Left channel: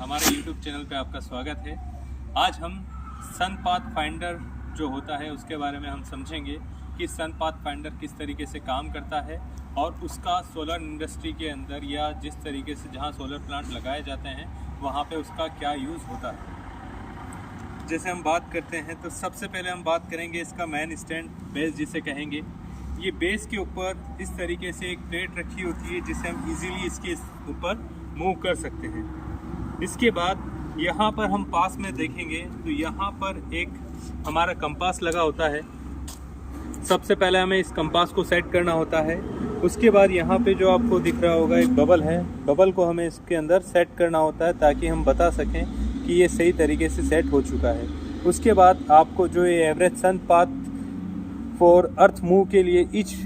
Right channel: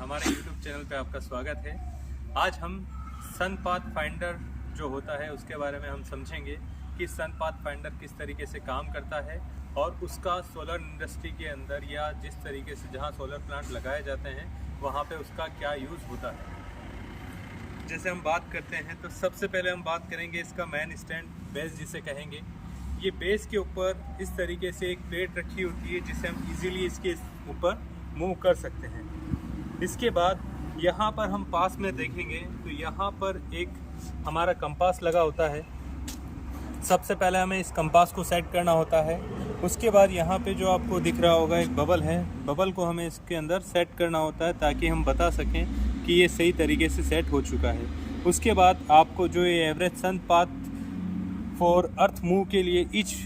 हमारे YouTube channel पे आपका स्वागत है। आज हम सन पाथ फाइंडर जो होता है उसके बारे में हम समझेंगे कि सन पाथ फाइंडर किस तरीके से काम करता है और उसका सोलर इंडस्ट्री के अंदर या जिस तरीके से जहाँ सोलर प्लांट लगाए जाते हैं वहाँ पे उसका क्या यूज़ होता है। जैसे हम बात करते हैं तो सबसे पहले हम बात करेंगे इसका मेन स्टैंड, बेस जिसे कहेंगे। ये बेस के ऊपर इस तरीके से एक प्लेट रखी होती है जिसे हम इजीली इसके ऊपर मूव कर सकते हैं। इसके बाद यहाँ पर हम पास में देखेंगे तो यहाँ पर एक हमारा कंपास लगा होता है। सबसे पहले हमें इस कंपास को सेट करना होता है। उसके बाद यहाँ पे जो आपको दिख रहा होगा एक बबल है, बबल को हमें इसके अंदर सेट करना होता है ताकि हम बता सकें कि ये सही तरीके से सेट हो चुका है। उसके बाद आपको जो ये average sun path for earth move के लिए ईच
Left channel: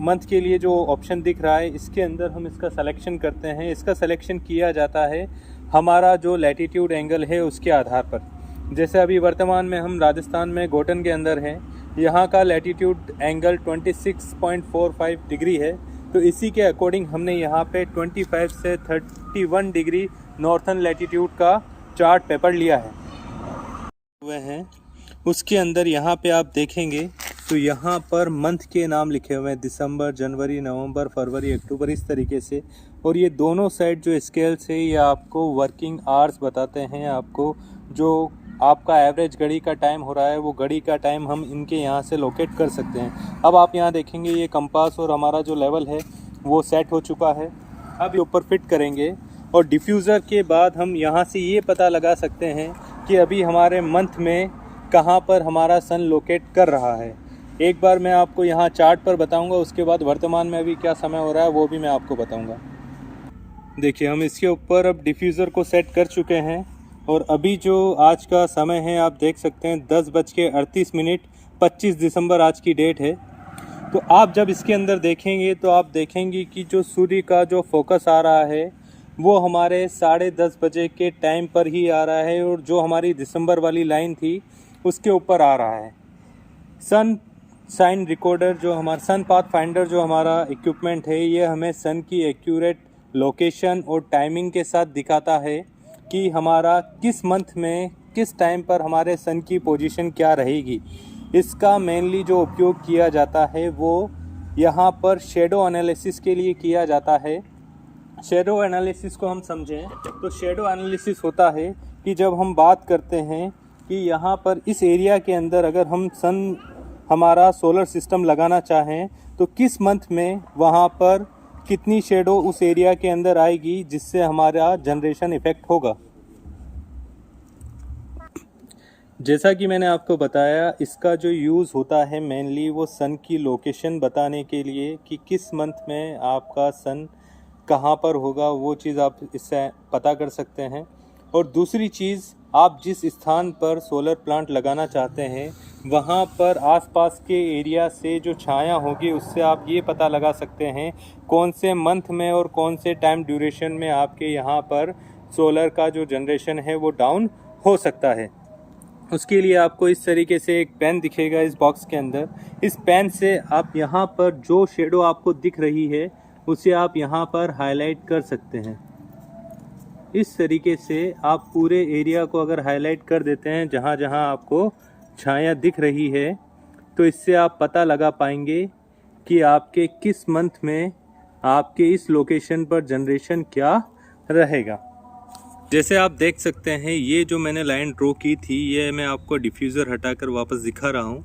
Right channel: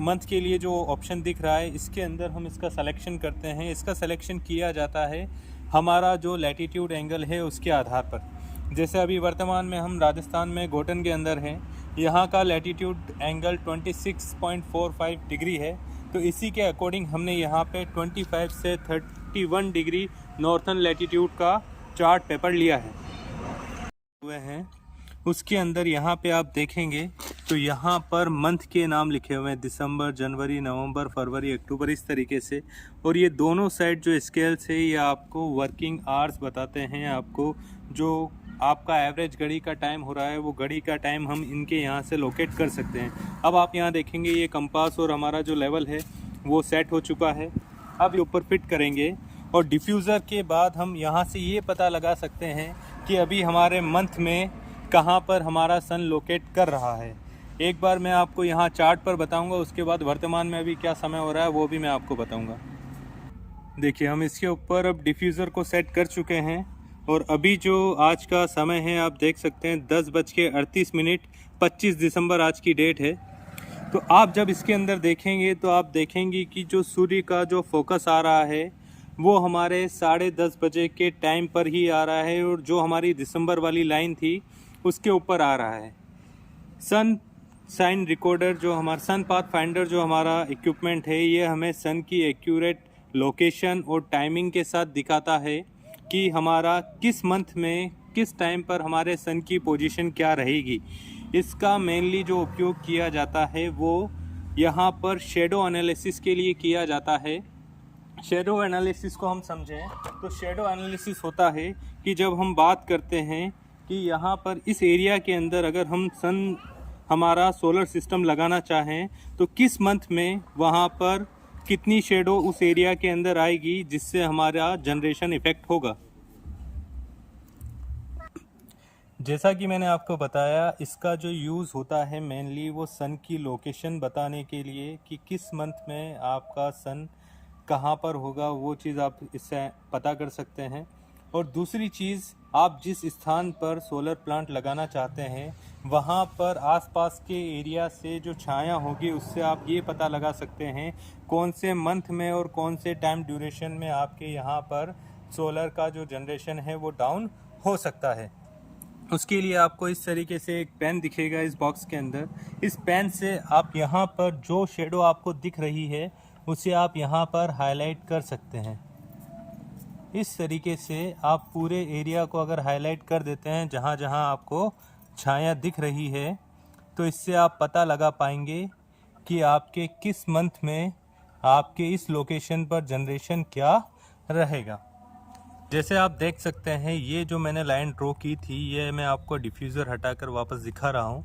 मंथ के लिए जो ऑप्शन दिख रहा है, इसके अंदर हम इसका सिलेक्शन करते हैं। इसका सिलेक्शन किया जाता है हमारा जो लैटीट्यूड एंगल है उसके आधार पर। जैसे अभी वर्तमान में हम राजस्थान में गोटन के अंदर हैं, यहाँ का लैटीट्यूड एंगल 26.45 डिग्री है, तो इसी के अकॉर्डिंग हमने यहाँ पे 25 से 31 डिग्री नॉर्थन लैटीट्यूड का चार्ट पेपर लिया है हुए हैं। उसके अंदर यहाँ पे आप देखेंगे तो यहाँ पर मंथ के नाम लिखे हुए हैं, दिसंबर, जनवरी, नवंबर, फरवरी, अक्टूबर, इस तरीके से। और ये दोनों साइड जो स्केल्स है ये आपको वर्किंग आवर्स बताते हैं। आपको जो आपका एवरेज घड़ी का टाइम हो रहा है वो घड़ी का टाइम हम इनके यहाँ से लोकेट कर सकते हैं। अब आप यहाँ देखेंगे ये कंपास और हमारा जो लेवल है वो सेट हो चुका है। अब ये ऊपर फिट करेंगे और डिफ्यूज़र के बाद हम यहाँ से ये पता लगा सकते हैं कि अभी हमारे मंथ में कहाँ पर हमारा सन लोकेट कर रहा है। एक बार मैं आपको यहाँ चार्ट पर बताऊंगा, उसके बाद वर्तमान में अभी क्या समय हो रहा है वो भी मैं आपको बताऊंगा। देखिए हम इसके ऊपर अब डिफ्यूज़र को सेट कर चुके हैं और अभी जो आज का समय है आप देख सकते हैं 10:38, 25 दिसंबर आज की डेट है। तो आप जब इसके अंदर देखेंगे तो आप देखेंगे कि जो सूर्य का जो फोकस आ रहा है वो हमारे 10:30 बजे के टाइम पर ही आ रहा है और जो हमारी दिसंबर वाली लाइन थी उसके ऊपर आ रहा है। सन साइन रिकॉर्डर जो हमारा सन पाथ फाइंडर जो हमारा इक्विपमेंट है ये हमें सन की एक्यूरेट लोकेशन और टाइमिंग के साथ दिखाता है कि हमारा किस मंथ में किस टाइम पर हमारे सन की पोजीशन क्या रहेगी। इसका मेनली जो उपयोग किया जाता है वो यहाँ पर शेडो एनालिसिस के लिए किया जाता है। शेडो एनालिसिस को हम समझें तो शेडो एनालिसिस होता है कि जब हम बात करते हैं कि यहाँ पर इस एरिया के अंदर अगर हम सन हमारा सोलर सिस्टम लगाना चाहें तो किस मंथ में वहाँ पर कितनी शेडो उस एरिया के अंदर आएगी जिससे हमारा जनरेशन इफेक्ट होगा। जैसा कि मैंने आपको बताया इसका जो यूज़ होता है मेनली वो सन की लोकेशन बताने के लिए कि किस मंथ में आपका सन कहाँ पर होगा, वो चीज़ आप इससे पता कर सकते हैं। और दूसरी चीज़, आप जिस स्थान पर सोलर प्लांट लगाना चाहते हैं वहाँ पर आसपास के एरिया से जो छाया होगी उससे आप ये पता लगा सकते हैं कौन से मंथ में और कौन से टाइम ड्यूरेशन में आपके यहाँ पर सोलर का जो जनरेशन है वो डाउन हो सकता है। उसके लिए आपको इस तरीके से एक पेन दिखेगा इस बॉक्स के अंदर। इस पेन से आप यहाँ पर जो शेडो आपको दिख रही है उसे आप यहाँ पर हाईलाइट कर सकते हैं। इस तरीके से आप पूरे एरिया को अगर हाईलाइट कर देते हैं जहाँ जहाँ आपको छाया दिख रही है तो इससे आप पता लगा पाएंगे कि आपके किस मंथ में आपके इस लोकेशन पर जनरेशन क्या रहेगा। जैसे आप देख सकते हैं ये जो मैंने लाइन ड्रॉ की थी ये मैं आपको डिफ्यूज़र हटाकर वापस दिखा रहा हूँ।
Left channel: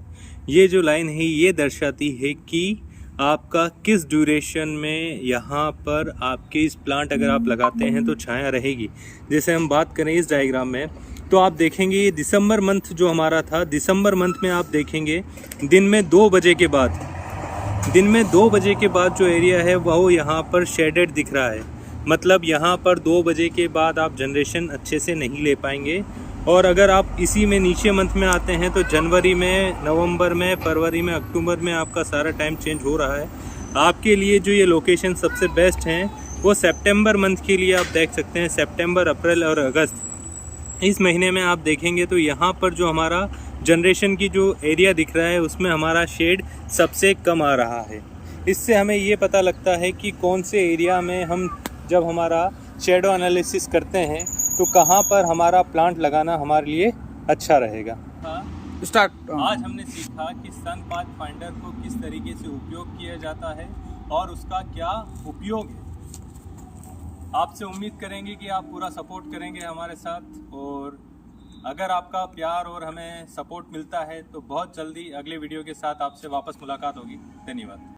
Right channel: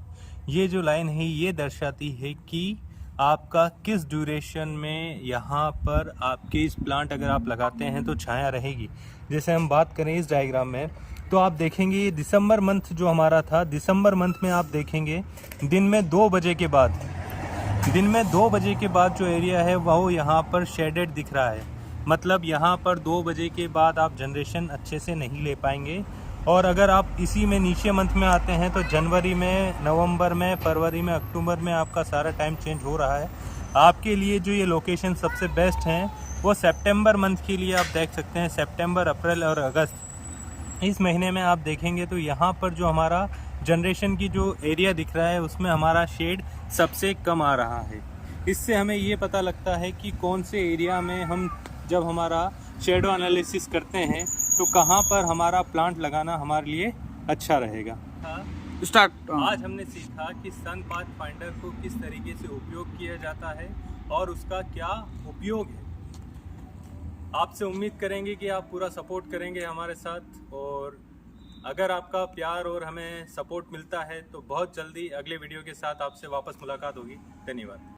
ये जो लाइन है ये दर्शाती है कि आपका किस ड्यूरेशन में यहाँ पर आपके इस प्लांट अगर आप लगाते हैं तो छाया रहेगी। जैसे हम बात करें इस डायग्राम में तो आप देखेंगे ये दिसंबर मंथ जो हमारा था, दिसंबर मंथ में आप देखेंगे दिन में 2 बजे के बाद जो एरिया है वह यहाँ पर शेडेड दिख रहा है। मतलब यहाँ पर 2 बजे के बाद आप जनरेशन अच्छे से नहीं ले पाएंगे। और अगर आप इसी में नीचे मंथ में आते हैं तो जनवरी में, नवंबर में, फरवरी में, अक्टूबर में आपका सारा टाइम चेंज हो रहा है। आपके लिए जो ये लोकेशन सबसे बेस्ट हैं वो सितंबर मंथ के लिए आप देख सकते हैं। सितंबर, अप्रैल और अगस्त इस महीने में आप देखेंगे तो यहाँ पर जो हमारा जनरेशन की जो एरिया दिख रहा है उसमें हमारा शेड सबसे कम आ रहा है। इससे हमें ये पता लगता है कि कौन से एरिया में हम जब हमारा शेडो एनालिसिस करते हैं तो कहाँ पर हमारा प्लांट लगाना हमारे लिए अच्छा रहेगा। स्टार्ट। आज हमने सीखा कि सन पाथफाइंडर को किस तरीके से उपयोग किया जाता है और उसका क्या उपयोग है। आपसे उम्मीद करेंगे कि आप पूरा सपोर्ट करेंगे हमारे साथ, और अगर आपका प्यार और हमें सपोर्ट मिलता है तो बहुत जल्दी अगले वीडियो के साथ आपसे वापस मुलाकात होगी। धन्यवाद।